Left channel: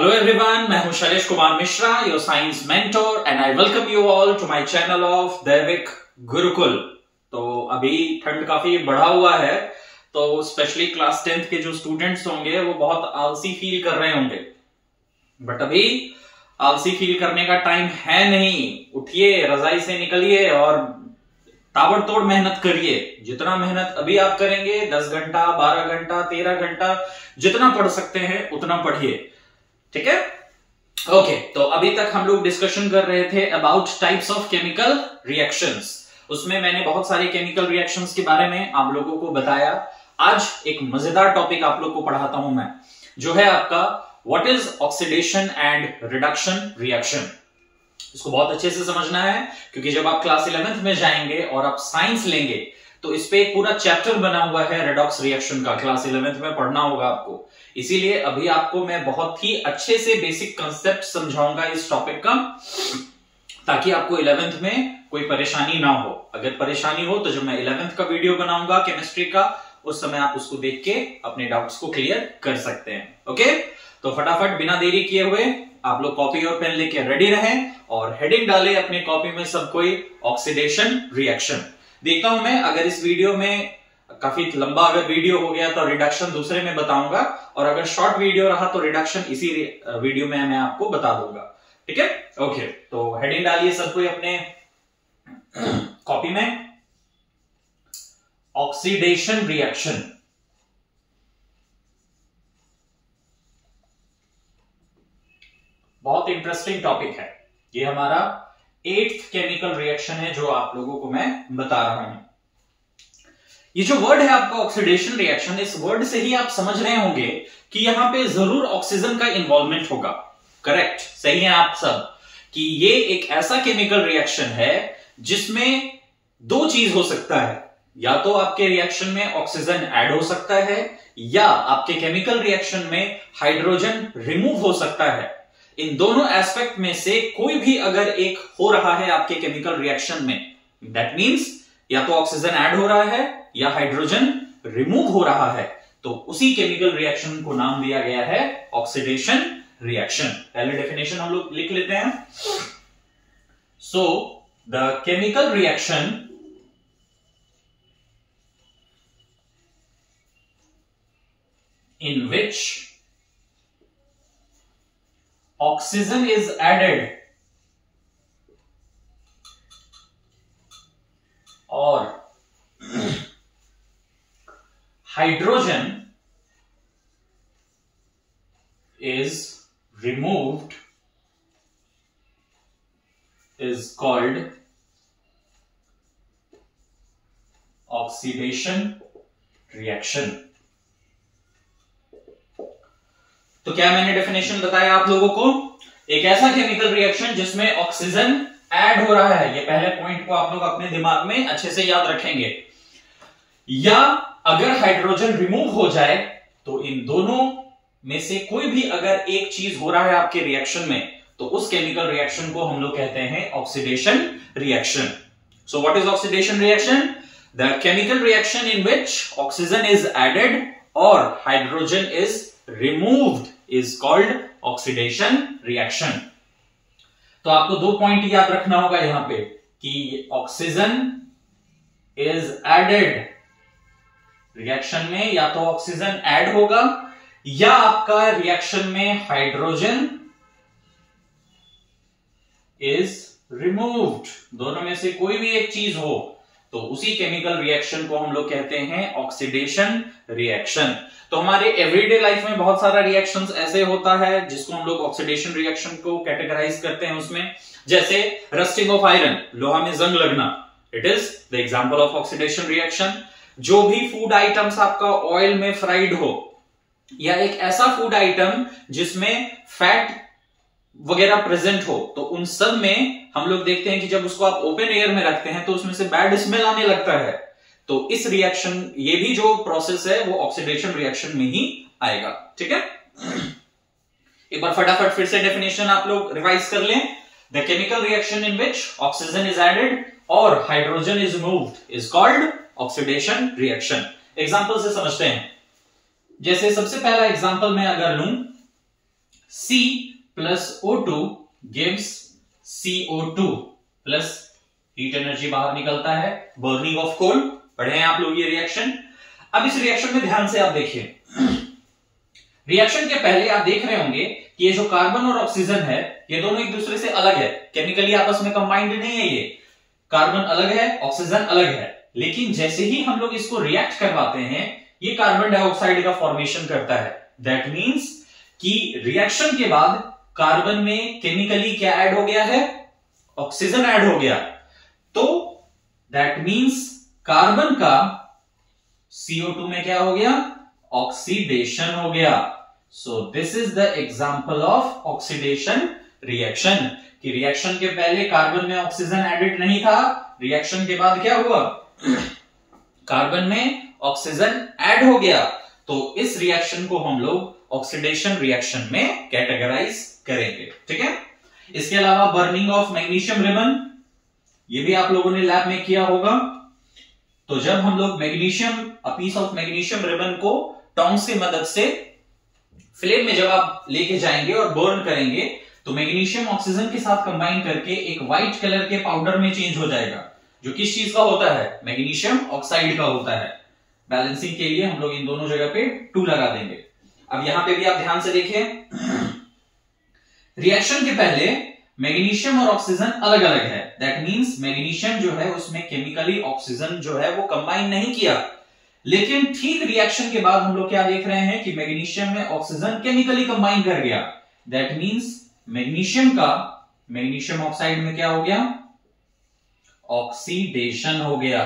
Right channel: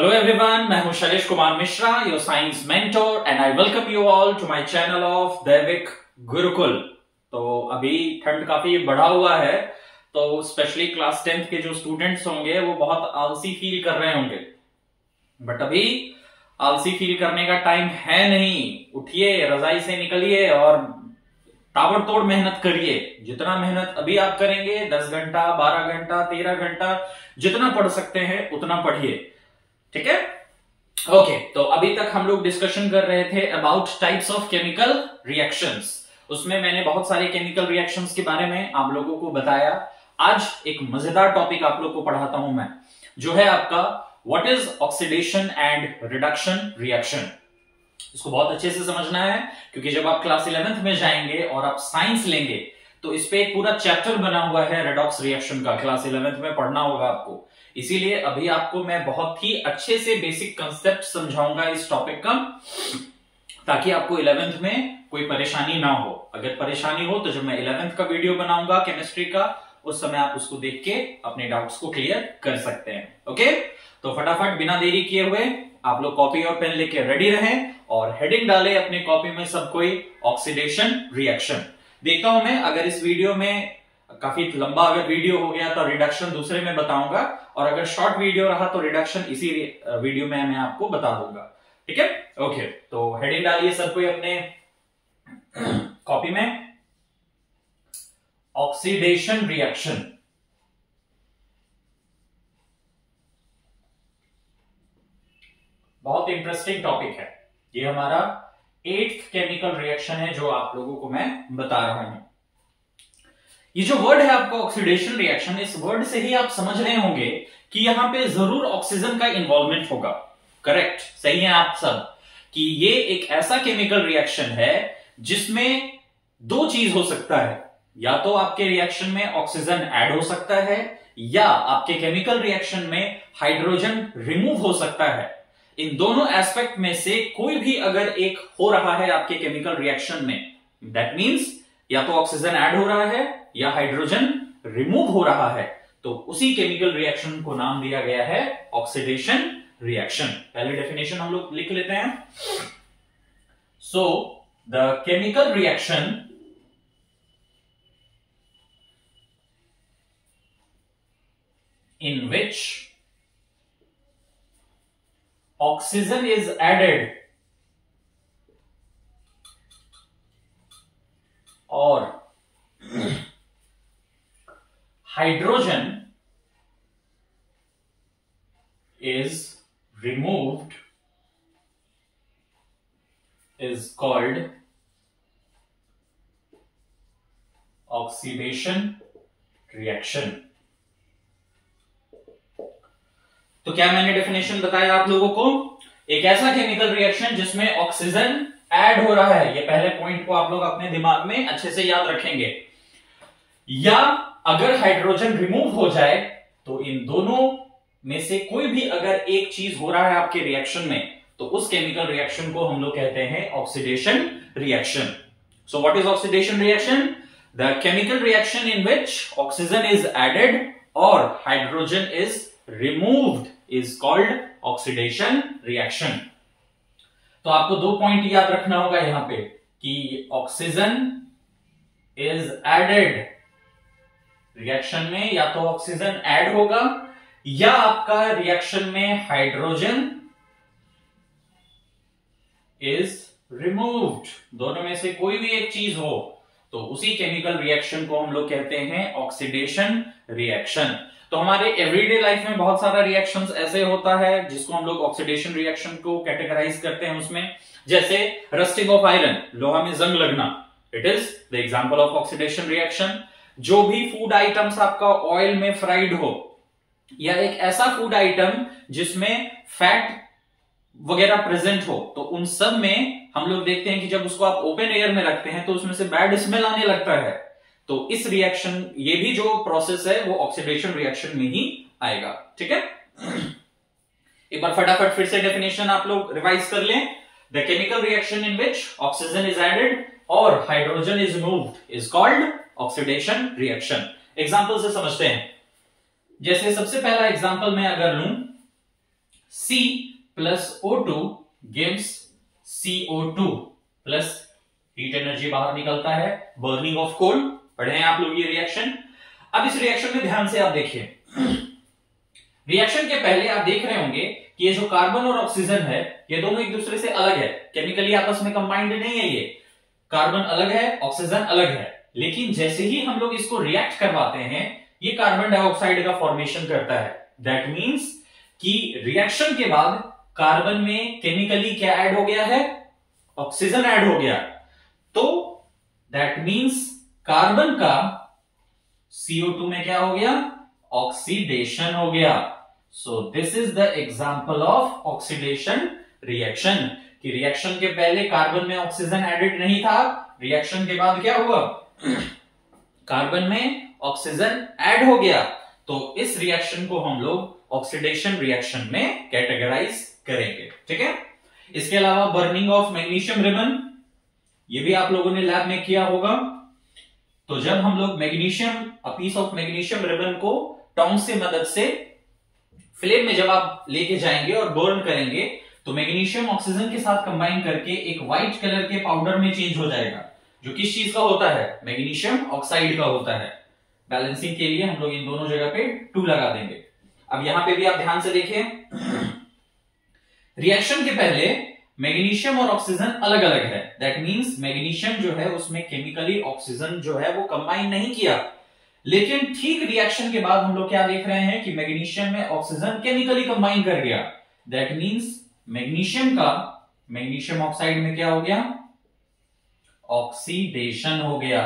Hello everyone, मैं हूं Shailesh Kumar Mishra, your science mentor and I welcome you all to my channel of Daivik Gurukul. तो अभी ठंड काफी बढ़ा हुआ है, तो स्पेशली क्लास 10th के जो स्टूडेंट्स होंगे वो बहुत आलसी फील कर रहे होंगे। बट अभी आलसी फील करने का टाइम है नहीं। उठिए, रजाई से निकलिए और ताबड़तोड़ मेहनत करिए। जितना मेहनत अभी आप करेंगे, 10 घंटा, 12 घंटा, 13 घंटा, जितना पढ़ सकते हैं उतना पढ़िए। ठीक है, ओके। तो अभी तक हम लोग डिस्कशन कर रहे थे about types of chemical reactions. उसमें मैंने बहुत सारे केमिकल रिएक्शंस के बारे में आप लोगों को बताया। आज एक मजेदार टॉपिक आप लोग को पढ़ाता हूं मैं, जो है आपका what is oxidation and reduction reaction. इसको बहुत अच्छे से समझना है, क्योंकि जब आप क्लास 11th में जाएंगे और आप साइंस लेंगे तो इस पे एक पूरा चैप्टर बना हुआ है रेडॉक्स रिएक्शन का। क्लास 11th में पढ़ना होगा आपको। इसीलिए अभी आपको मैं बहुत ही अच्छे से बेसिक कंसेप्ट समझाऊंगा इस टॉपिक का, ताकि आपको 11th में कोई परेशानी ना हो। अगर परेशानी हो तो जब मैं 11th का वीडियो बनाऊंगा केमिस्ट्री का, उस समय आप उसको देख के अपने डाउट्स को क्लियर कर सकते हैं। ओके, तो फटाफट बिना देरी किए हुए आप लोग कॉपी और पेन लेके रेडी रहें और हेडिंग डालें अपने कॉपी में सब कोई ऑक्सीडेशन रिएक्शन। देखता हूं मैं, अगर इस वीडियो में काफी लंबा अगर वीडियो हो गया तो रिडक्शन दूसरे में बताऊंगा, और अगर शॉर्ट वीडियो रहा तो रिडक्शन इसी वीडियो में मैं आपको बता दूंगा। ठीक है, ओके। तो हेडिंग डालिए सब कोई अपने कॉपी में, ऑक्सीडेशन रिएक्शन। बहुत इंटरेस्टिंग टॉपिक है ये। हमारा 8th केमिकल रिएक्शन है जो आप लोगों को मैं बता रहा हूं। ये जो वर्ड है आपका ऑक्सीडेशन रिएक्शन, इस वर्ड से ही आप समझ रहे होंगे कि यहां पे जरूर ऑक्सीजन का इन्वॉल्वमेंट होगा। करेक्ट, सही है आप सब, कि ये एक ऐसा केमिकल रिएक्शन है जिसमें दो चीज हो सकता है। या तो आपके रिएक्शन में ऑक्सीजन ऐड हो सकता है, या आपके केमिकल रिएक्शन में हाइड्रोजन रिमूव हो सकता है। इन दोनों एस्पेक्ट में से कोई भी अगर एक हो रहा है आपके केमिकल रिएक्शन में, दैट मीन्स या तो ऑक्सीजन ऐड हो रहा है या हाइड्रोजन रिमूव हो रहा है, तो उसी केमिकल रिएक्शन को नाम दिया गया है ऑक्सीडेशन रिएक्शन। पहले डेफिनेशन हम लोग लिख लेते हैं। So the chemical reaction in which oxygen is added or hydrogen is removed is called oxidation reaction। तो क्या मैंने डेफिनेशन बताया आप लोगों को? एक ऐसा केमिकल रिएक्शन जिसमें ऑक्सीजन ऐड हो रहा है। ये पहले पॉइंट को आप लोग अपने दिमाग में अच्छे से याद रखेंगे। या अगर हाइड्रोजन रिमूव हो जाए, तो इन दोनों में से कोई भी अगर एक चीज हो रहा है आपके रिएक्शन में, तो उस केमिकल रिएक्शन को हम लोग कहते हैं oxidation reaction. So what is oxidation reaction? The chemical reaction in which oxygen is added और hydrogen is removed is called oxidation reaction। तो आपको दो पॉइंट याद रखना होगा यहां पे, कि ऑक्सीजन इज एडेड रिएक्शन में, या तो ऑक्सीजन ऐड होगा या आपका रिएक्शन में हाइड्रोजन इज रिमूव्ड। दोनों में से कोई भी एक चीज हो तो उसी केमिकल रिएक्शन को हम लोग कहते हैं ऑक्सीडेशन रिएक्शन। तो हमारे एवरीडे लाइफ में बहुत सारा रिएक्शंस ऐसे होता है जिसको हम लोग ऑक्सीडेशन रिएक्शन को कैटेगराइज करते हैं उसमें। जैसे रस्टिंग ऑफ आयरन, लोहा में जंग लगना, it is the example of oxidation reaction. जो भी फूड आइटम्स आपका ऑयल में फ्राइड हो, या एक ऐसा फूड आइटम जिसमें फैट वगैरह प्रेजेंट हो, तो उन सब में हम लोग देखते हैं कि जब उसको आप ओपन एयर में रखते हैं तो उसमें से बैड स्मेल आने लगता है। तो इस रिएक्शन, ये भी जो प्रोसेस है वो ऑक्सीडेशन रिएक्शन में ही आएगा। ठीक है, एक बार फटाफट फिर से डेफिनेशन आप लोग रिवाइज कर लें। The chemical reaction in which oxygen is added और hydrogen is removed is called oxidation reaction. Example से समझते हैं। जैसे सबसे पहला एग्जांपल मैं अगर लूं, C plus O2 gives CO2 plus heat energy बाहर निकलता है, बर्निंग ऑफ कोल। पढ़े हैं आप लोग ये रिएक्शन। अब इस रिएक्शन में ध्यान से आप देखिए, रिएक्शन के पहले आप देख रहे होंगे कि ये जो कार्बन और ऑक्सीजन है ये दोनों एक दूसरे से अलग है, केमिकली आपस में कंबाइंड नहीं है। ये कार्बन अलग है, ऑक्सीजन अलग है, लेकिन जैसे ही हम लोग इसको रिएक्ट करवाते हैं ये कार्बन डाइऑक्साइड का फॉर्मेशन करता है। दैट मीन्स कि रिएक्शन के बाद कार्बन में केमिकली क्या ऐड हो गया है, ऑक्सीजन ऐड हो गया। तो दैट मीन्स कार्बन का CO2 में क्या हो गया, ऑक्सीडेशन हो गया। So this is the example of oxidation reaction, कि रिएक्शन के पहले कार्बन में ऑक्सीजन एडेड नहीं था, रिएक्शन के बाद क्या हुआ, कार्बन में ऑक्सीजन ऐड हो गया। तो इस रिएक्शन को हम लोग ऑक्सीडेशन रिएक्शन में कैटेगराइज करेंगे। ठीक है। इसके अलावा बर्निंग ऑफ मैग्नीशियम रिबन, ये भी आप लोगों ने लैब में किया होगा। तो जब हम लोग magnesium, a piece of magnesium ribbon को टोंग्स की मदद से फ्लेम में जब आप लेके जाएंगे और बर्न करेंगे तो मैग्नीशियम ऑक्सीजन के साथ कंबाइन करके एक व्हाइट कलर के पाउडर में चेंज हो जाएगा, जो किस चीज का होता है, मैग्नीशियम ऑक्साइड का होता है। बैलेंसिंग के लिए हम लोग इन दोनों जगह पे 2 लगा देंगे। अब यहां पे भी आप ध्यान से देखें, रिएक्शन के पहले मैग्नीशियम और ऑक्सीजन अलग अलग है। दैट मींस मैग्नीशियम जो है उसमें केमिकली ऑक्सीजन जो है वो कंबाइन नहीं किया, लेकिन ठीक रिएक्शन के बाद हम लोग क्या देख रहे हैं कि मैग्नीशियम में ऑक्सीजन केमिकली कंबाइन कर गया। दैट मींस मैग्नीशियम का मैग्नीशियम ऑक्साइड में क्या हो गया, ऑक्सीडेशन हो गया।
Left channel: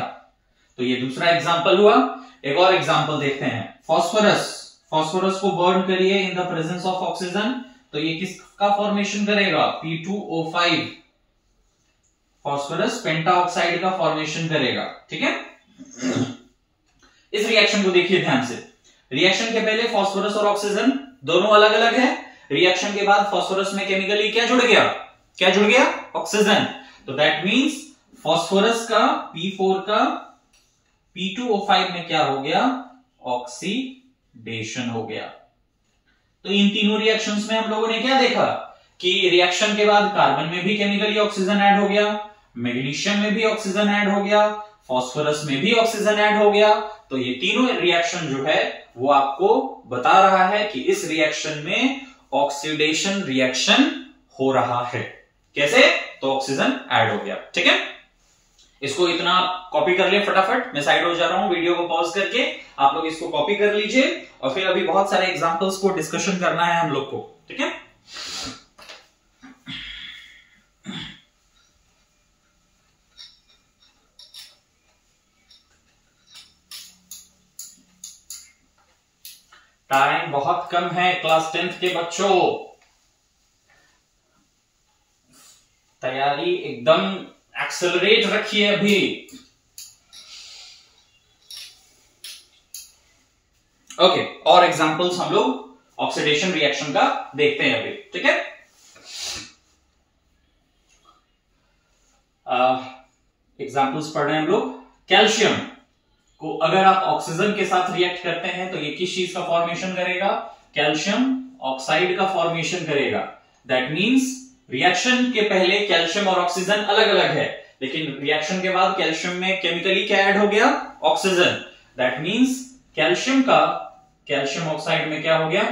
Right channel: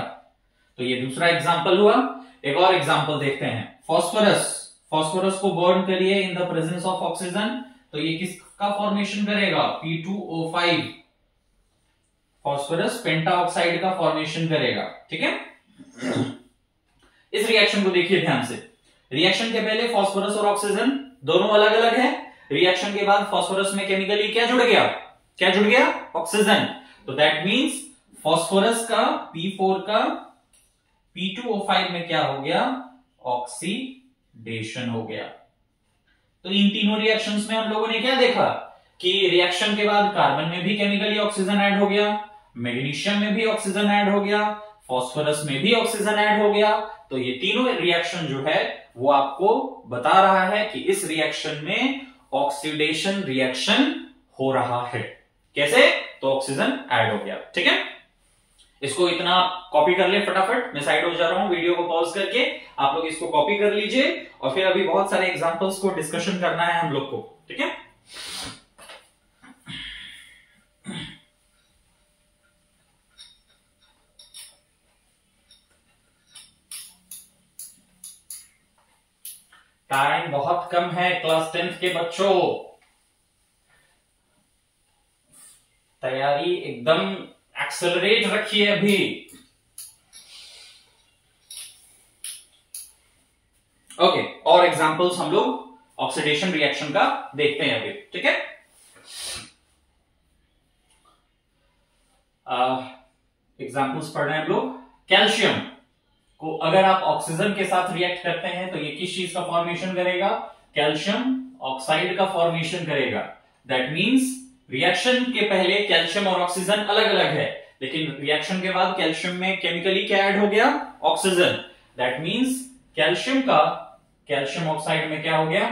तो ये दूसरा एग्जांपल हुआ। एक और एग्जांपल देखते हैं, फॉस्फोरस। फॉस्फोरस को बर्न करिए in the presence of oxygen, तो ये किसका फॉर्मेशन करेगा, P2O5। फॉस्फोरस पेंटा ऑक्साइड का फॉर्मेशन करेगा। ठीक है। इस रिएक्शन को देखिए ध्यान से, रिएक्शन के पहले फॉस्फोरस और ऑक्सीजन दोनों अलग अलग है, रिएक्शन के बाद फॉस्फोरस में केमिकली क्या जुड़ गया, क्या जुड़ गया, ऑक्सीजन। तो दैट मींस फॉस्फोरस का P4 का P2O5 में क्या हो गया, ऑक्सीडेशन हो गया। तो इन तीनों रिएक्शंस में हम लोगों ने क्या देखा कि रिएक्शन के बाद कार्बन में भी केमिकली ऑक्सीजन ऐड हो गया, मैग्नीशियम में भी ऑक्सीजन ऐड हो गया, फॉस्फोरस में भी ऑक्सीजन ऐड हो गया। तो ये तीनों रिएक्शन जो है वो आपको बता रहा है कि इस रिएक्शन में ऑक्सीडेशन रिएक्शन हो रहा है। कैसे, तो ऑक्सीजन ऐड हो गया। ठीक है। इसको इतना कॉपी कर ले फटाफट, मैं साइड हो जा रहा हूं, वीडियो को पॉज करके आप लोग इसको कॉपी कर लीजिए और फिर अभी बहुत सारे एग्जांपल्स को डिस्कशन करना है हम लोग को। ठीक है। टाइम बहुत कम है क्लास 10th के बच्चों, तैयारी एकदम एक्सेलरेट रखिए अभी। ओके, और एग्जांपल्स हम लोग ऑक्सीडेशन रिएक्शन का देखते हैं अभी। ठीक है। एग्जांपल्स पढ़ रहे हैं हम लोग। कैल्शियम को अगर आप ऑक्सीजन के साथ रिएक्ट करते हैं तो ये किस चीज का फॉर्मेशन करेगा, कैल्शियम ऑक्साइड का फॉर्मेशन करेगा। दैट मींस रिएक्शन के पहले कैल्शियम और ऑक्सीजन अलग अलग है, लेकिन रिएक्शन के बाद कैल्शियम में केमिकली क्या ऐड हो गया, ऑक्सीजन। दैट मींस कैल्शियम का कैल्शियम ऑक्साइड में क्या हो गया,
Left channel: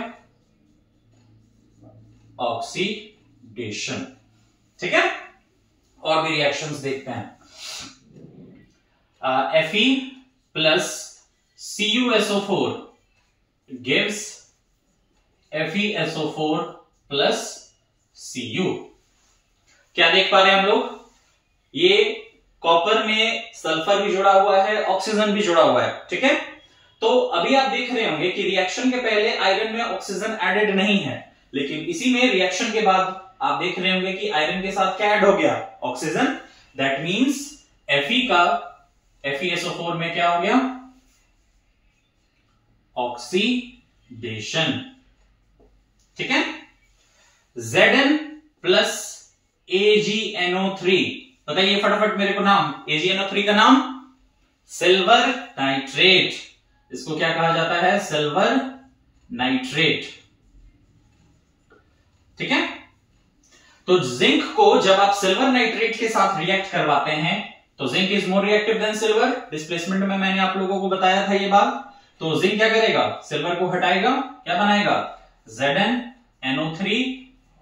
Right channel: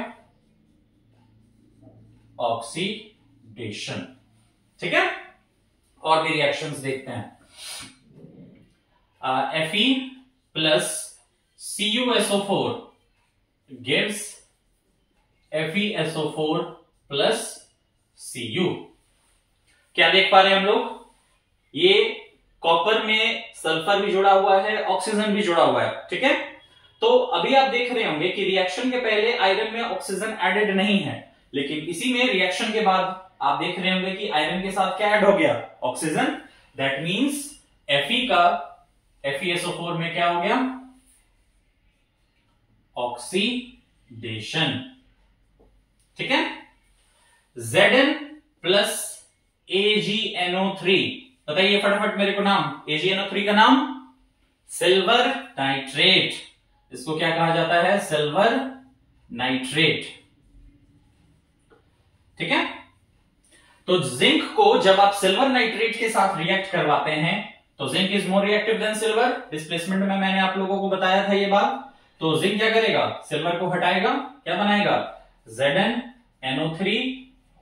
ऑक्सीडेशन। ठीक है। और भी रिएक्शंस देखते हैं। Fe plus CuSO4 gives FeSO4 plus Cu। क्या देख पा रहे हैं हम लोग, ये कॉपर में सल्फर भी जुड़ा हुआ है, ऑक्सीजन भी जुड़ा हुआ है। ठीक है। तो अभी आप देख रहे होंगे कि रिएक्शन के पहले आयरन में ऑक्सीजन एडेड नहीं है, लेकिन इसी में रिएक्शन के बाद आप देख रहे होंगे कि आयरन के साथ क्या ऐड हो गया, ऑक्सीजन। दैट मींस Fe का FeSO4 में क्या हो गया, ऑक्सीडेशन। ठीक है। Zn प्लस AgNO3, बताइए फटाफट मेरे को नाम, AgNO3 का नाम सिल्वर नाइट्रेट। इसको क्या कहा जाता है, सिल्वर नाइट्रेट। ठीक है। तो जिंक को जब आप सिल्वर नाइट्रेट के साथ रिएक्ट करवाते हैं तो zinc is more reactive than silver. Displacement में मैंने आप लोगों को बताया था ये बात। तो जिंक क्या करेगा, सिल्वर को हटाएगा, क्या बनाएगा, ZnNO3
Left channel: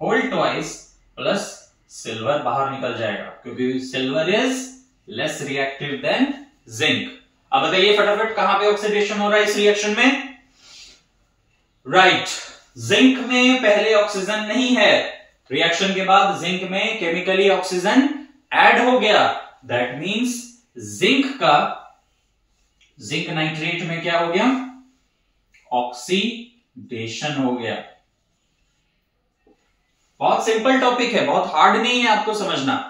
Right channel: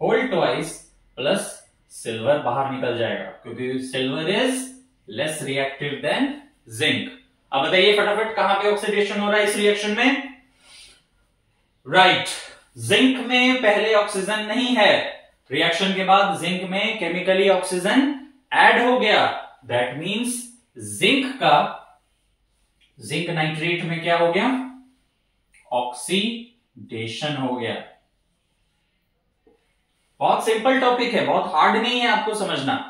whole twice plus silver बाहर निकल जाएगा, क्योंकि silver is less reactive than zinc. अब बताइए फटाफट कहां पे ऑक्सीडेशन हो रहा है इस रिएक्शन में। राइट, जिंक में पहले ऑक्सीजन नहीं है, रिएक्शन के बाद जिंक में केमिकली ऑक्सीजन ऐड हो गया। दैट मींस जिंक नाइट्रेट में क्या हो गया, ऑक्सीडेशन हो गया। बहुत सिंपल टॉपिक है, बहुत हार्ड नहीं है आपको समझना।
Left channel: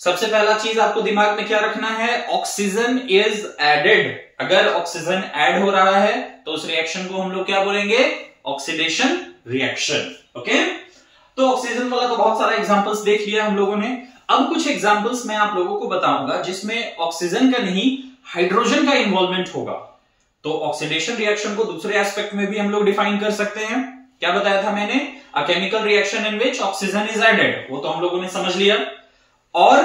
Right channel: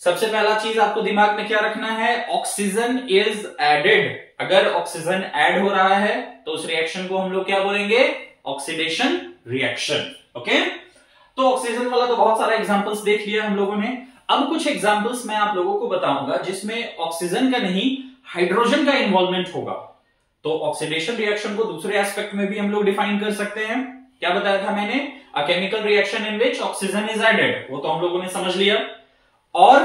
सबसे पहला चीज आपको दिमाग में क्या रखना है, ऑक्सीजन इज एडेड। अगर ऑक्सीजन ऐड हो रहा है तो उस रिएक्शन को हम लोग क्या बोलेंगे, ऑक्सीडेशन रिएक्शन। ओके, तो ऑक्सीजन वाला तो बहुत सारा एग्जांपल्स देख लिया हम लोगों ने। अब कुछ एग्जांपल्स मैं आप लोगों को बताऊंगा जिसमें ऑक्सीजन का नहीं हाइड्रोजन का इन्वॉल्वमेंट होगा। तो ऑक्सीडेशन रिएक्शन को दूसरे एस्पेक्ट में भी हम लोग डिफाइन कर सकते हैं। क्या बताया था मैंने, a chemical reaction in which oxygen is added, वो तो हम लोगों ने समझ लिया। और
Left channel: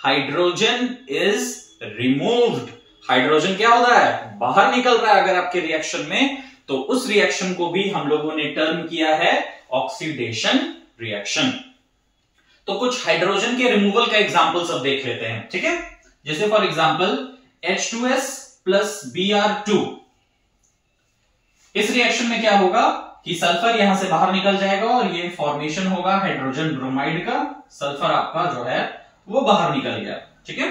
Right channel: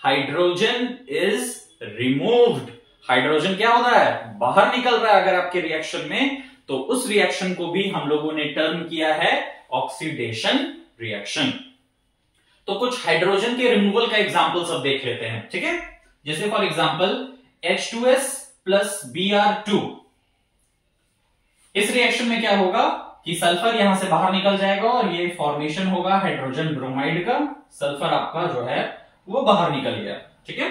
हाइड्रोजन इज रिमूव्ड, हाइड्रोजन क्या होता है, बाहर निकल रहा है अगर आपके रिएक्शन में, तो उस रिएक्शन को भी हम लोगों ने टर्म किया है ऑक्सीडेशन रिएक्शन। तो कुछ हाइड्रोजन के रिमूवल का एग्जांपल सब देख लेते हैं, ठीक है। जैसे for example H2S plus Br2, इस रिएक्शन में क्या होगा कि सल्फर यहां से बाहर निकल जाएगा और ये फॉर्मेशन होगा हाइड्रोजन ब्रोमाइड का। सल्फर आपका जो है वो बाहर निकल गया, ठीक है।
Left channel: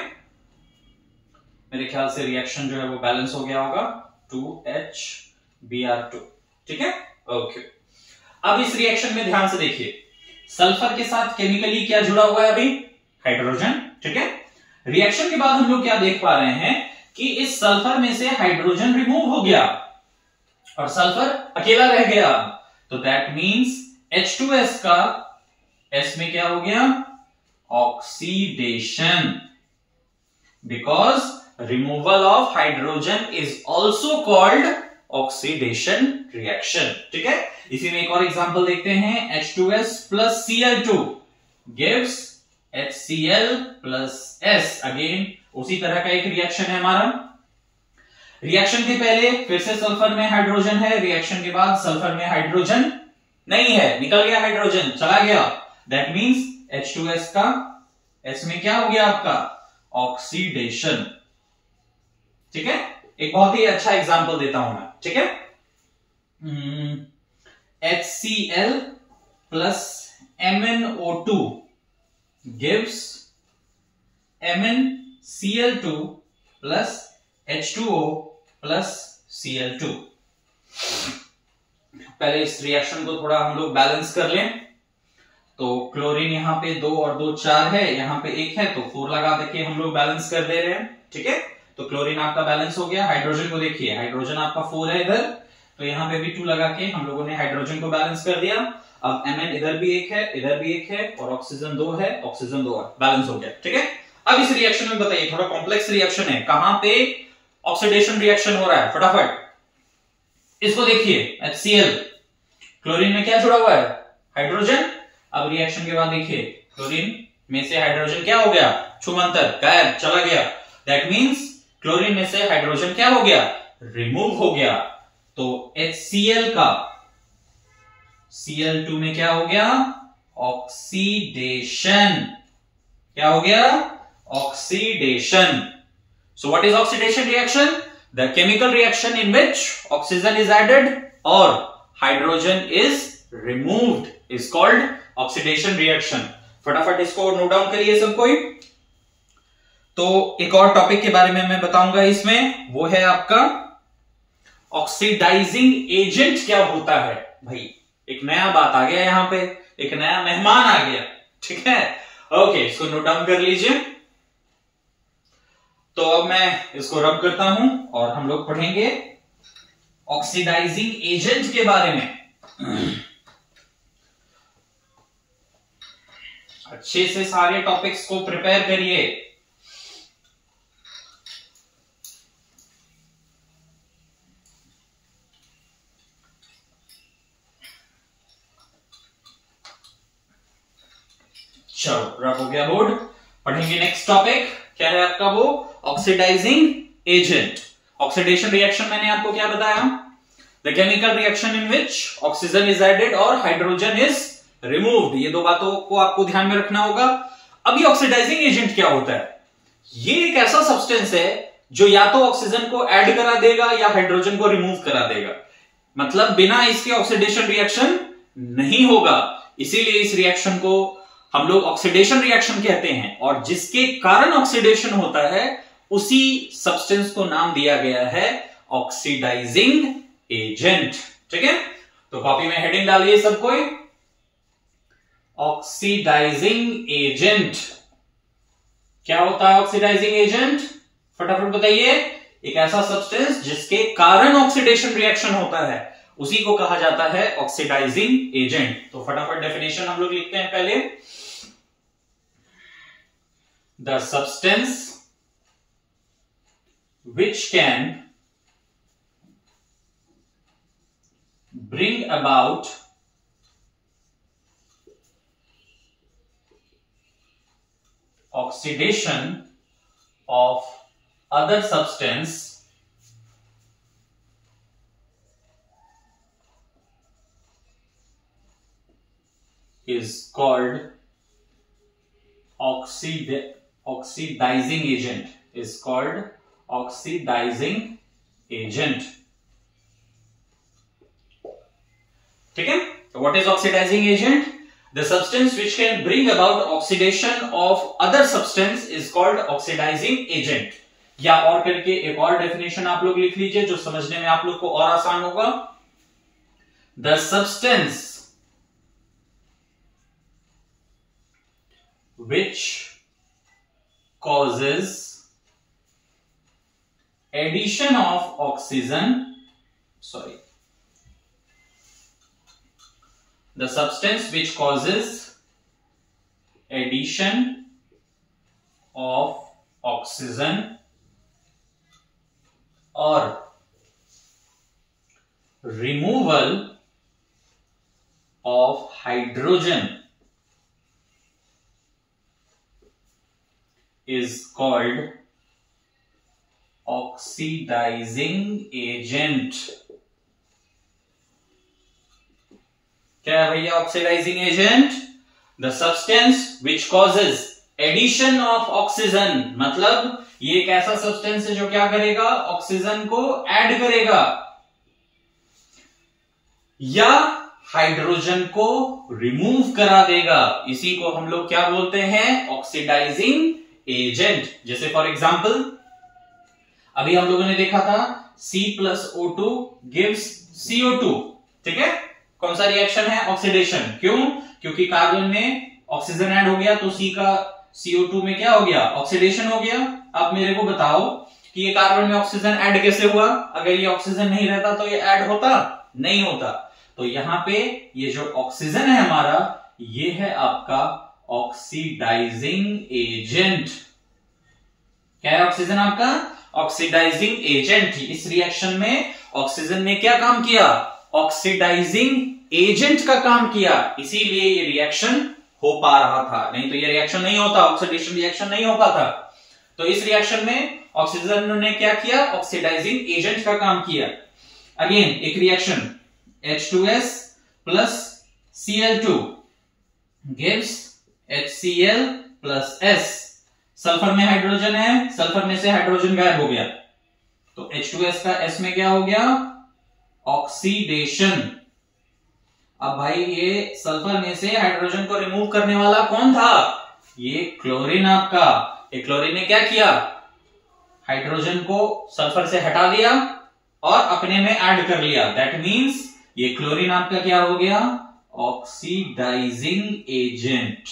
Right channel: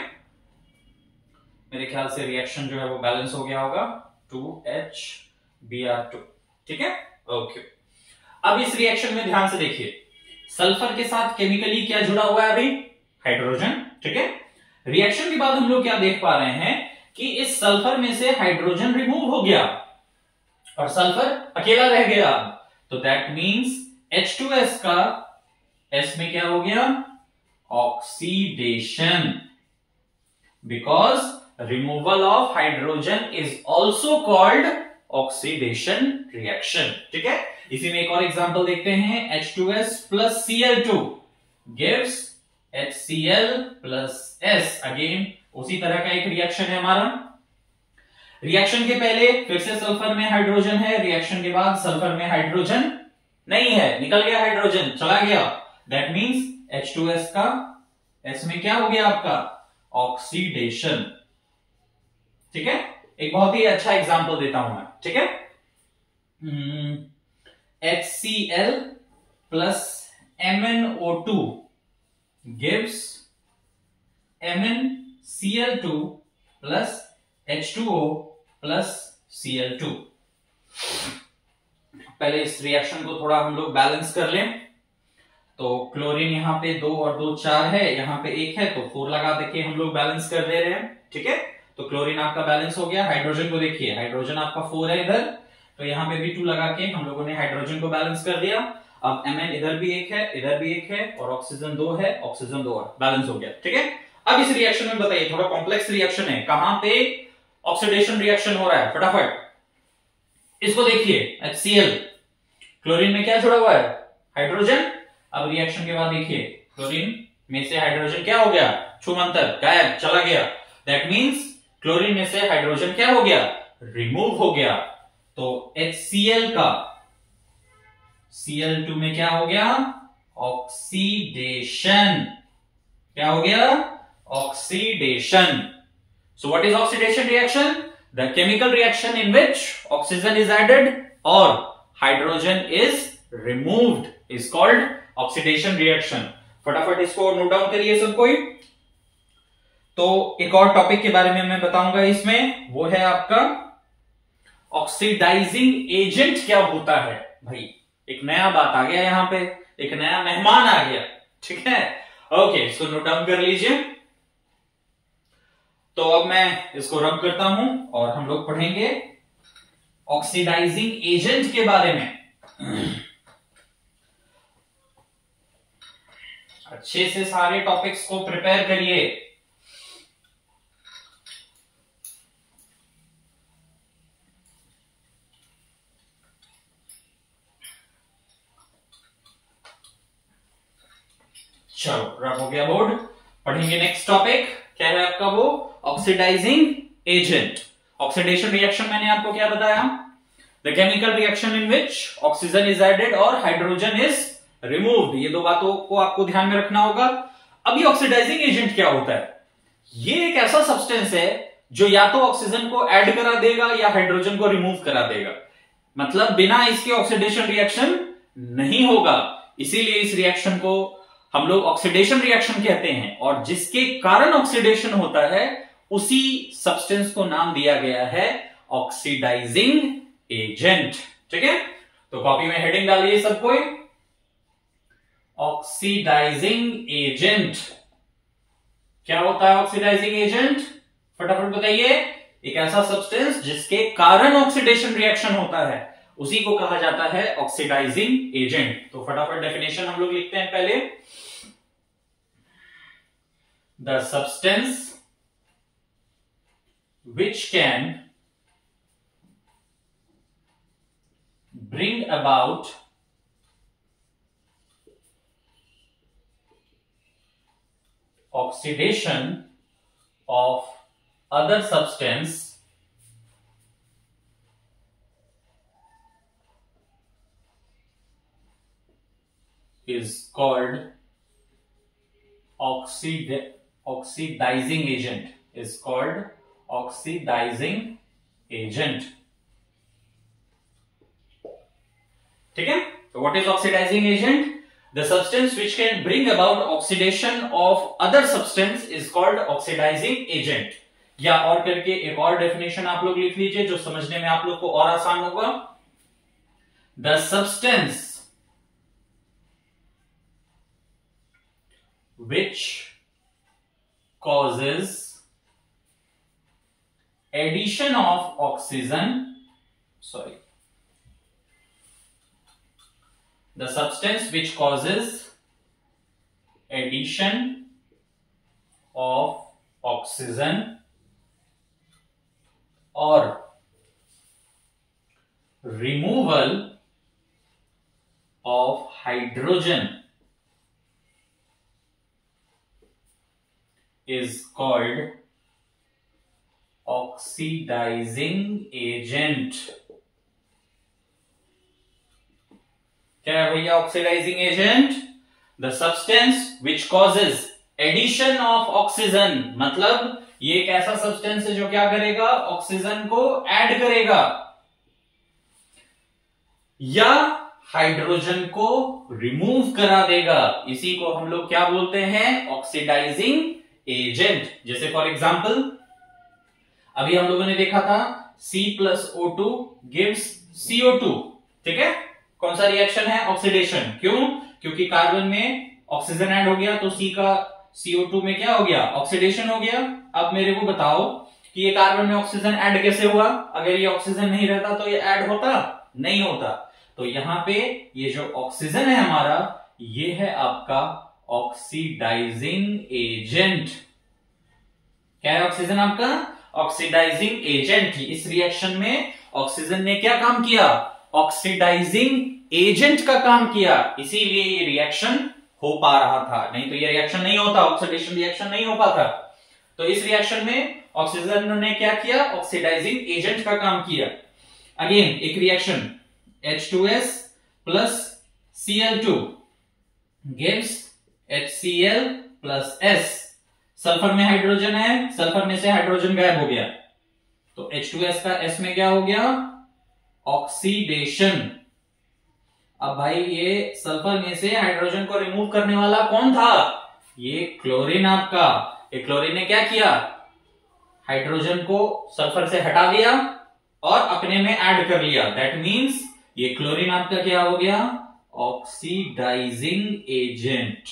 मेरे ख्याल से रिएक्शन जो है वो बैलेंस हो गया होगा, 2HBr2, ठीक है। ओके, अब इस रिएक्शन में ध्यान से देखिए, सल्फर के साथ केमिकली क्या जुड़ा हुआ है अभी, हाइड्रोजन, ठीक है। रिएक्शन के बाद हम लोग क्या देख पा रहे हैं कि इस सल्फर में से हाइड्रोजन रिमूव हो गया और सल्फर अकेला रह गया। तो दैट मींस H2S का S में क्या हो गया, oxidation, because removal of hydrogen is also called oxidation reaction, ठीक है। इसी में एक और एग्जांपल देखते हैं, H2S plus Cl2 gives HCl plus S। Again उसी तरह का एक रिएक्शन है हमारा। रिएक्शन के पहले फिर से सल्फर में हाइड्रोजन है, रिएक्शन के बाद सल्फर में हाइड्रोजन नहीं है, निकल गया हाइड्रोजन, चला गया। दैट मींस H2S का S में क्या हो गया आपका, ऑक्सीडेशन, ठीक है। एक बहुत ही अच्छा एग्जांपल देता हूं मैं, ठीक है। HCl plus MnO2 gives MnCl2 plus H2O plus Cl2। पहले इस रिएक्शन को थोड़ा हम लोग बैलेंस कर लें। तो क्लोरीन यहाँ पे 2 और 2 4 है, यहाँ पे 1 है, तो 4 लगा देके हम लोग बैलेंस कर दे रहे हैं, ठीक है। तो क्लोरीन आपका बैलेंस हो गया। हाइड्रोजन को देखिए, हाइड्रोजन आपका 4 है इधर, तो यहाँ पे भी 2 लगा के हम लोगों ने हाइड्रोजन को बैलेंस कर दिया। अब Mn इधर भी 1 है, इधर भी 1 है, और ऑक्सीजन 2 है, ऑक्सीजन 2 है, बैलेंस हो गया, ठीक है। अब इस रिएक्शन में बताइए, थोड़ा कॉम्प्लेक्स रिएक्शन है, कहां पे ऑक्सीडेशन रिएक्शन हो रहा है, फटाफट इसको देखिए। HCl, क्लोरीन में क्या जुड़ा हुआ है, हाइड्रोजन। अब रिएक्शन के बाद देखिए, क्लोरीन में से हाइड्रोजन क्या हो गया, छुमंतर, गायब, चला गया। दैट मींस क्लोरीन में से हाइड्रोजन क्या हो गया, रिमूव हो गया। तो HCl का Cl2 में क्या हो गया, ऑक्सीडेशन, क्या हो गया, oxidation. So what is oxidation reaction? The chemical reaction in which oxygen is added or hydrogen is removed is called oxidation reaction. फटाफट इसको नोट डाउन करिए सब कोई। तो एक और टॉपिक के बारे में मैं बताऊंगा इसमें, वो है आपका ऑक्सीडाइजिंग एजेंट क्या होता है। भाई एक नया बात आ गया यहां पे, एक नया मेहमान आ गया, ठीक है। ओके, इसको नोट डाउन कर लीजिए। तो अब मैं इसको रब करता हूं और हम लोग पढ़ेंगे ऑक्सीडाइजिंग एजेंट के बारे में। अच्छे से सारे टॉपिक्स को प्रिपेयर करिए। चलो रफ हो गया बोर्ड। पढ़ेंगे नेक्स्ट टॉपिक, क्या है आपका वो, ऑक्सीडाइजिंग एजेंट। ऑक्सीडेशन रिएक्शन मैंने आपको क्या बताया, the chemical reaction in which oxygen is added और हाइड्रोजन इज रिमूव्ड। ये दो बातों को आपको ध्यान में रखना होगा। अब ये ऑक्सीडाइजिंग एजेंट क्या होता है, ये एक ऐसा सब्सटेंस है जो या तो ऑक्सीजन को ऐड करा देगा या हाइड्रोजन को रिमूव करा देगा, मतलब बिना इसके ऑक्सीडेशन रिएक्शन नहीं होगा। इसीलिए इस रिएक्शन को हम लोग ऑक्सीडेशन रिएक्शन कहते हैं, और जिसके कारण ऑक्सीडेशन होता है उसी सब्सटेंस को नाम दिया गया है ऑक्सीडाइजिंग एजेंट। ठीक है, तो कॉपी में हेडिंग डालिए सब कोई, ऑक्सीडाइजिंग एजेंट। क्या होता है ऑक्सीडाइजिंग एजेंट, फटाफट बताइए। एक ऐसा सब्सटेंस जिसके कारण ऑक्सीडेशन रिएक्शन होता है उसी को कहा जाता है ऑक्सीडाइजिंग एजेंट। तो फटाफट डेफिनेशन हम लोग लिखते हैं पहले, the substance which can bring about oxidation of other substance is called oxidizing agent, is called oxidizing agent. ठीक है, तो what is oxidizing agent, the substance which can bring about oxidation of other substance is called oxidising agent. या और करके एक और definition आप लोग लिख लीजिए जो समझने में आप लोग को और आसान होगा, the substance which causes addition of oxygen, the substance which causes addition of oxygen or removal of hydrogen is called oxidizing agent. क्या है भैया oxidizing agent, the substance which causes addition of oxygen, मतलब ये एक ऐसा substance है जो क्या करेगा, ऑक्सीजन को ऐड करेगा या हाइड्रोजन को रिमूव करा देगा। इसी को हम लोग क्या बोलते हैं, ऑक्सीडाइजिंग एजेंट। जैसे फॉर एग्जाम्पल अभी हम लोगों ने देखा था C+O2 gives CO2। ठीक है, कौन सा रिएक्शन है, ऑक्सीडेशन। क्यों, क्योंकि कार्बन में ऑक्सीजन ऐड हो गया तो C का CO2 में क्या हो गया, ऑक्सीडेशन हो गया। अब मेरे को बताओ कि ये कार्बन में ऑक्सीजन ऐड कैसे हुआ, अगर ये ऑक्सीजन नहीं रहता तो ये ऐड होता, नहीं होता। तो यहां पे ये जो ऑक्सीजन है हमारा, ये है आपका ऑक्सीडाइजिंग एजेंट। क्या है ऑक्सीजन आपका, ऑक्सीडाइजिंग एजेंट। इस रिएक्शन में ऑक्सीजन ने क्या काम किया, ऑक्सीडाइजिंग एजेंट का काम किया, इसीलिए ये रिएक्शन हो पा रहा था, नहीं तो ये रिएक्शन नहीं होता, ऑक्सीडेशन रिएक्शन नहीं हो पाता। तो इस रिएक्शन में ऑक्सीजन ने क्या किया, ऑक्सीडाइजिंग एजेंट का काम किया। अगेन एक reaction H2S plus Cl2 gives HCl plus S। Sulphur में हाइड्रोजन है, सल्फर में से हाइड्रोजन गायब हो गया तो H2S का S में क्या हो गया, ऑक्सीडेशन। अब भाई ये सल्फर में से हाइड्रोजन को रिमूव करने वाला कौन था, ये क्लोरीन आपका। ये क्लोरीन ने क्या किया, हाइड्रोजन को सल्फर से हटा दिया और अपने में ऐड कर लिया। दैट मींस ये क्लोरीन आपका क्या हो गया, ऑक्सीडाइजिंग एजेंट।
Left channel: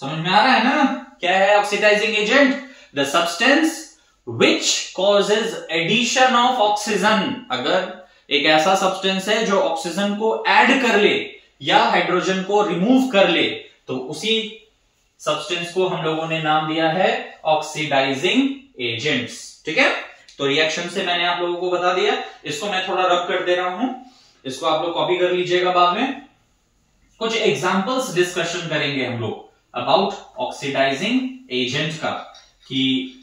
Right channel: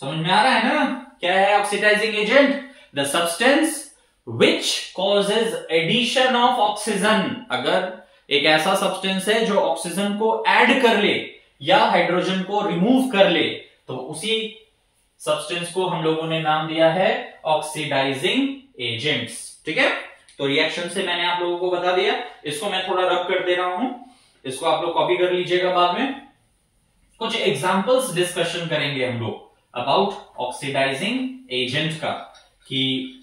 समझ में आ रहा है ना, क्या है oxidizing agent, the substance which causes addition of oxygen. अगर एक ऐसा सब्सटेंस है जो ऑक्सीजन को ऐड कर ले या हाइड्रोजन को रिमूव कर ले, तो उसी सब्सटेंस को हम लोगों ने नाम दिया है ऑक्सीडाइजिंग एजेंट्स। ठीक है, तो रिएक्शन से मैंने आप लोगों को बता दिया। इसको मैं थोड़ा रब कर दे रहा हूं, इसको आप लोग कॉपी कर लीजिएगा बाद में। कुछ एग्जांपल्स डिस्कशन करेंगे हम लोग अबाउट ऑक्सीडाइजिंग एजेंट का, कि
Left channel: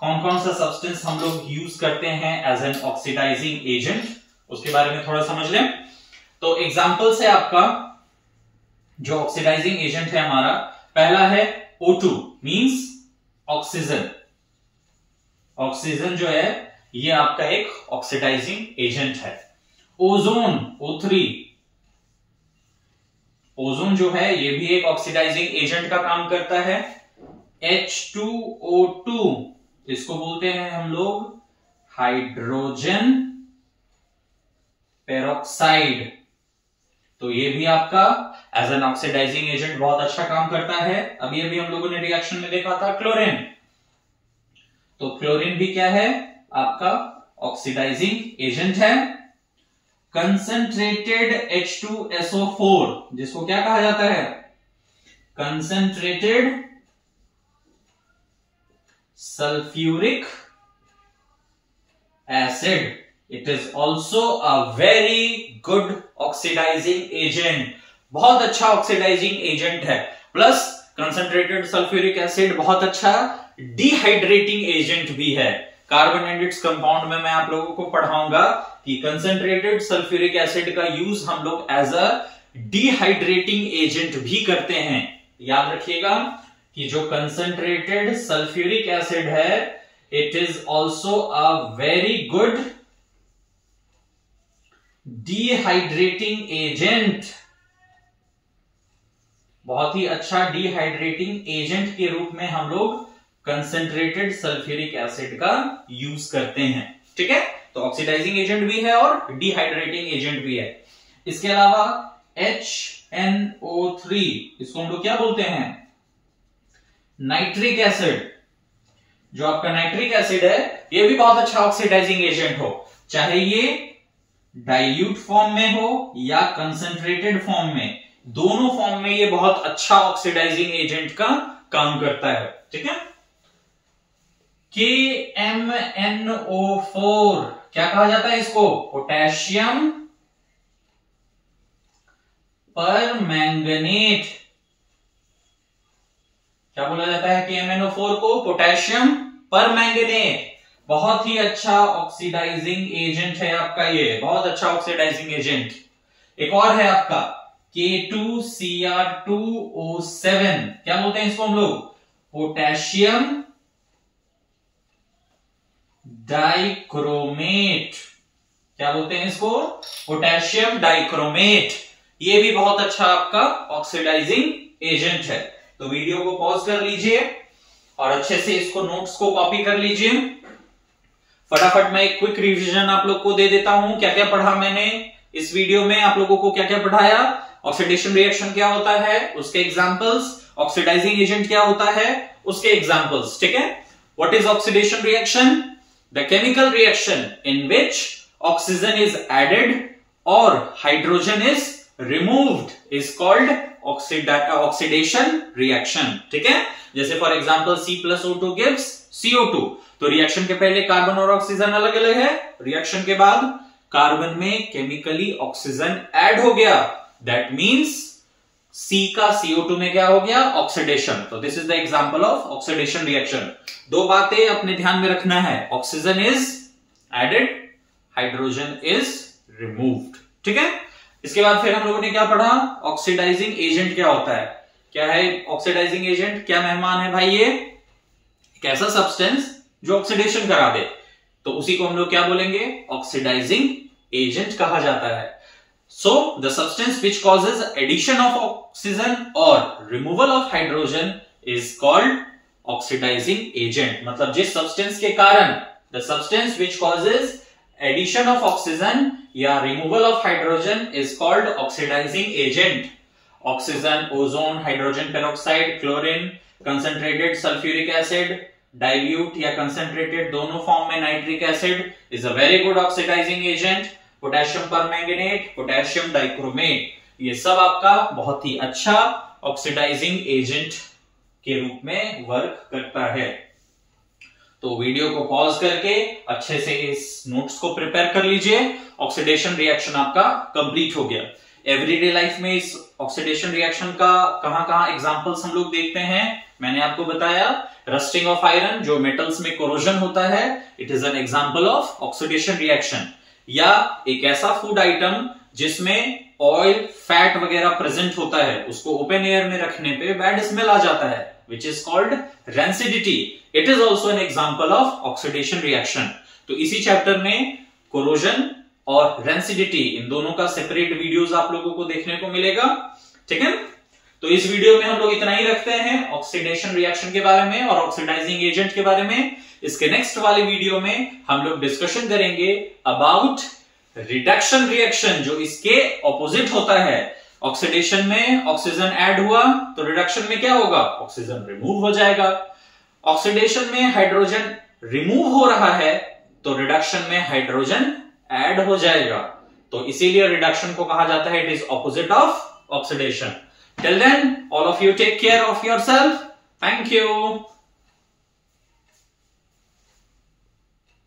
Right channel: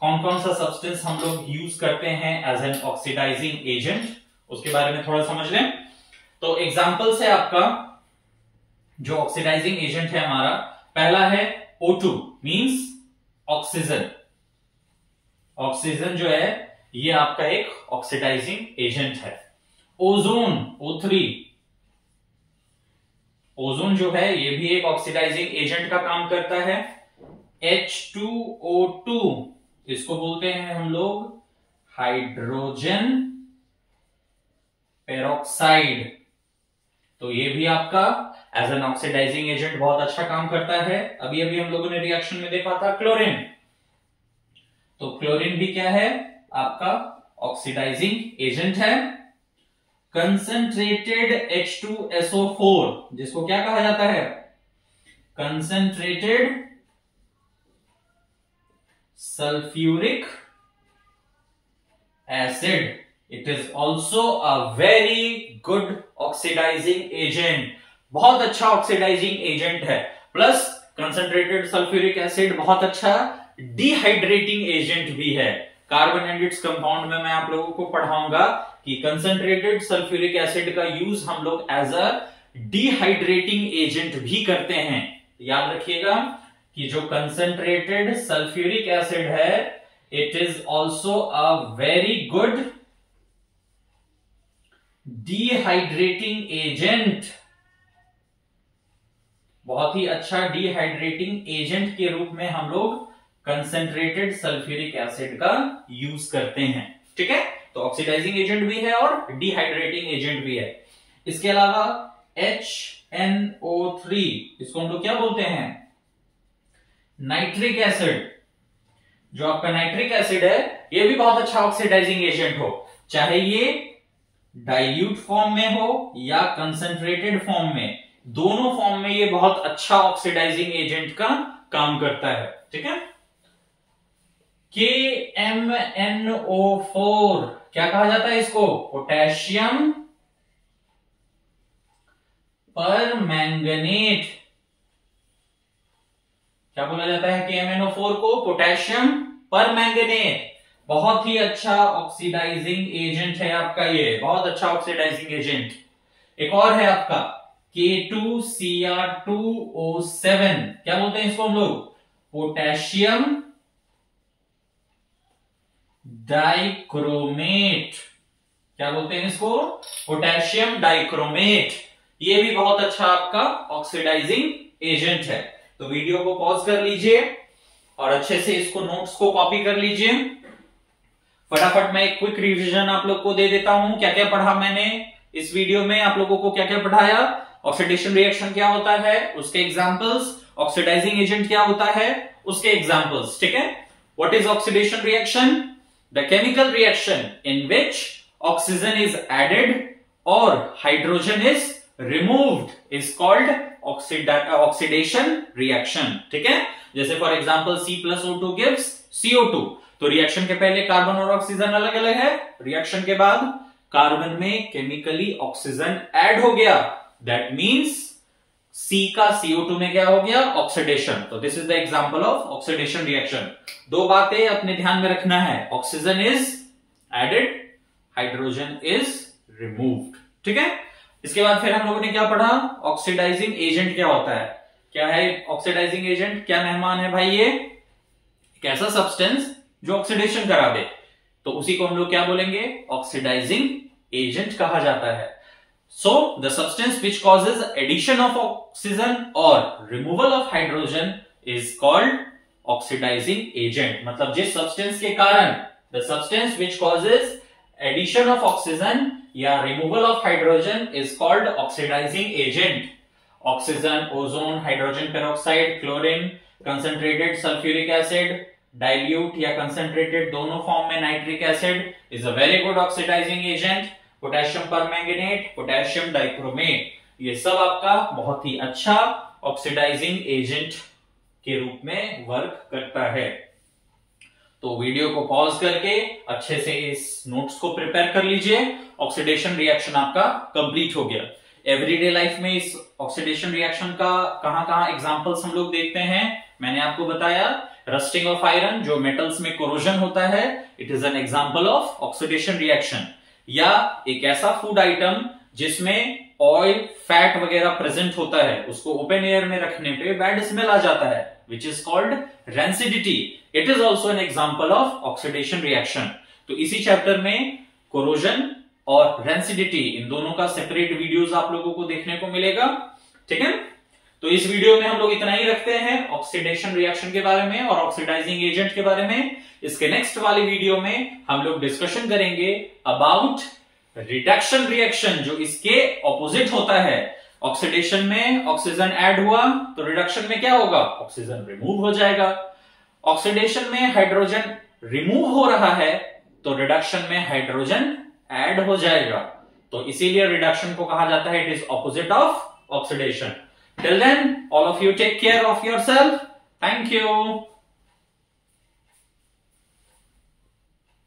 कौन कौन सा सब्सटेंस हम लोग यूज करते हैं एज एन ऑक्सीडाइजिंग एजेंट, उसके बारे में थोड़ा समझ लें। तो एग्जांपल्स है आपका जो ऑक्सीडाइजिंग एजेंट है हमारा, पहला है O2 मींस ऑक्सीजन। ऑक्सीजन जो है ये आपका एक ऑक्सीडाइजिंग एजेंट है। ओजोन O3, ओजोन जो है ये भी एक ऑक्सीडाइजिंग एजेंट का काम करता है। H2O2 इसको बोलते हैं हम लोग हाइड्रोजन पेरोक्साइड, तो ये भी आपका एज एन ऑक्सीडाइजिंग एजेंट बहुत अच्छा काम करता है। अभी अभी हम लोगों ने रिएक्शन में देखा था क्लोरीन, तो क्लोरीन भी क्या है आपका ऑक्सीडाइजिंग एजेंट है। कंसंट्रेटेड H2SO4 जिसको क्या कहा जाता है, concentrated sulphuric acid, it is also a very good oxidising agent, बहुत अच्छा ऑक्सीडाइजिंग एजेंट है। प्लस कंसंट्रेटेड सल्फ्यूरिक एसिड बहुत अच्छा डिहाइड्रेटिंग एजेंट भी है। कार्बन एंड इट्स कंपाउंड में मैं आप लोगों को पढ़ाऊंगा कि कंसंट्रेटेड सल्फ्यूरिक एसिड का यूज हम लोग एज अ डिहाइड्रेटिंग एजेंट भी करते हैं। याद रखिएगा कि जो कंसंट्रेटेड सल्फ्यूरिक एसिड है it is also a very good dehydrating agent, बहुत ही अच्छा डिहाइड्रेटिंग एजेंट के रूप में हम लोग कंसंट्रेटेड सल्फ्यूरिक एसिड का यूज करते हैं। ठीक है, तो ऑक्सीडाइजिंग एजेंट भी है और डिहाइड्रेटिंग एजेंट भी है। इसके अलावा HNO3 इसको हम लोग क्या बोलते हैं, नाइट्रिक एसिड। जो आपका नाइट्रिक एसिड है ये भी बहुत अच्छा ऑक्सीडाइजिंग एजेंट हो, चाहे ये डाइल्यूट फॉर्म में हो या कंसंट्रेटेड फॉर्म में, दोनों फॉर्म में ये बहुत अच्छा ऑक्सीडाइजिंग एजेंट का काम करता है। ठीक है, KMNO4 क्या कहा जाता है इसको, पोटेशियम परमैंगनेट, क्या बोला जाता है KMNO4 को, पोटेशियम परमैंगनेट, बहुत ही अच्छा ऑक्सीडाइजिंग एजेंट है आपका, ये बहुत अच्छा ऑक्सीडाइजिंग एजेंट। एक और है आपका K2Cr2O7, क्या बोलते हैं इसको हम लोग, पोटेशियम डाइक्रोमेट, क्या बोलते हैं इसको, पोटेशियम डाइक्रोमेट, ये भी बहुत अच्छा आपका ऑक्सीडाइजिंग एजेंट है। तो वीडियो को पॉज कर लीजिए और अच्छे से इसको नोट्स को कॉपी कर लीजिए। फटाफट मैं एक क्विक रिवीजन आप लोग को दे देता हूं, क्या क्या पढ़ा मैंने इस वीडियो में, आप लोगों को क्या क्या पढ़ाया। ऑक्सीडेशन रिएक्शन क्या होता है, उसके एग्जांपल्स, ऑक्सीडाइजिंग एजेंट क्या होता है, उसके एग्जांपल्स। ठीक है, what is oxidation reaction, the chemical reaction in which oxygen is added और hydrogen is removed is called oxidation reaction. ठीक है, जैसे for example C+O2 gives CO2, तो रिएक्शन के पहले कार्बन और ऑक्सीजन अलग अलग है, रिएक्शन के बाद कार्बन में केमिकली ऑक्सीजन ऐड हो गया, दैट मींस C का CO2 में क्या हो गया, ऑक्सीडेशन। तो this is the example of oxidation reaction. दो बातें अपने ध्यान में रखना है, oxygen is added, hydrogen is removed. ठीक है, इसके बाद फिर हम लोगों ने क्या पढ़ा, ऑक्सीडाइजिंग एजेंट क्या होता है, क्या है ऑक्सीडाइजिंग एजेंट, क्या मेहमान है भाई, ये एक ऐसा सब्सटेंस जो ऑक्सीडेशन करा दे, तो उसी को हम लोग क्या बोलेंगे, ऑक्सीडाइजिंग एजेंट कहा जाता है। So the substance which causes addition of oxygen और removal of hydrogen is called oxidising agent. मतलब जिस सब्सटेंस के कारण, the substance which causes addition of oxygen या removal of hydrogen is called oxidising agent. Oxygen, ozone, hydrogen peroxide, chlorine, concentrated sulphuric acid, dilute या concentrated दोनों form में nitric acid is a very good oxidising agent. Potassium permanganate, potassium dichromate, ये सब आपका बहुत ही अच्छा oxidizing agent के रूप में वर्क करता है। तो वीडियो को पॉज करके अच्छे से इस नोट्स को प्रिपेयर कर लीजिए। ऑक्सीडेशन रिएक्शन आपका कंप्लीट हो गया। एवरीडे लाइफ में इस ऑक्सीडेशन रिएक्शन का कहां एग्जांपल्स हम लोग देखते हैं। मैंने आपको बताया रस्टिंग ऑफ आयरन, जो मेटल्स में कोरोजन होता है, it is an example of oxidation reaction. या एक ऐसा फूड आइटम जिसमें ऑयल, फैट वगैरह प्रेजेंट होता है, उसको ओपन एयर में रखने पे बैड स्मेल आ जाता है, which is called rancidity. It is also an example of oxidation reaction. तो इसी चैप्टर में कोरोजन और रेंसिडिटी, इन दोनों का सेपरेट वीडियोस आप लोगों को देखने को मिलेगा। ठीक है, तो इस वीडियो में हम लोग इतना ही रखते हैं ऑक्सीडेशन रिएक्शन के बारे में और ऑक्सीडाइजिंग एजेंट के बारे में। इसके नेक्स्ट वाले वीडियो में हम लोग डिस्कशन करेंगे अबाउट रिडक्शन रिएक्शन, जो इसके ऑपोजिट होता है। ऑक्सीडेशन में ऑक्सीजन ऐड हुआ तो रिडक्शन में क्या होगा, ऑक्सीजन रिमूव हो जाएगा। ऑक्सीडेशन में हाइड्रोजन रिमूव हो रहा है तो रिडक्शन में हाइड्रोजन ऐड हो जाएगा। तो इसीलिए रिडक्शन को कहा जाता है it is opposite of oxidation. Till then all of you take care of yourself. Thank you.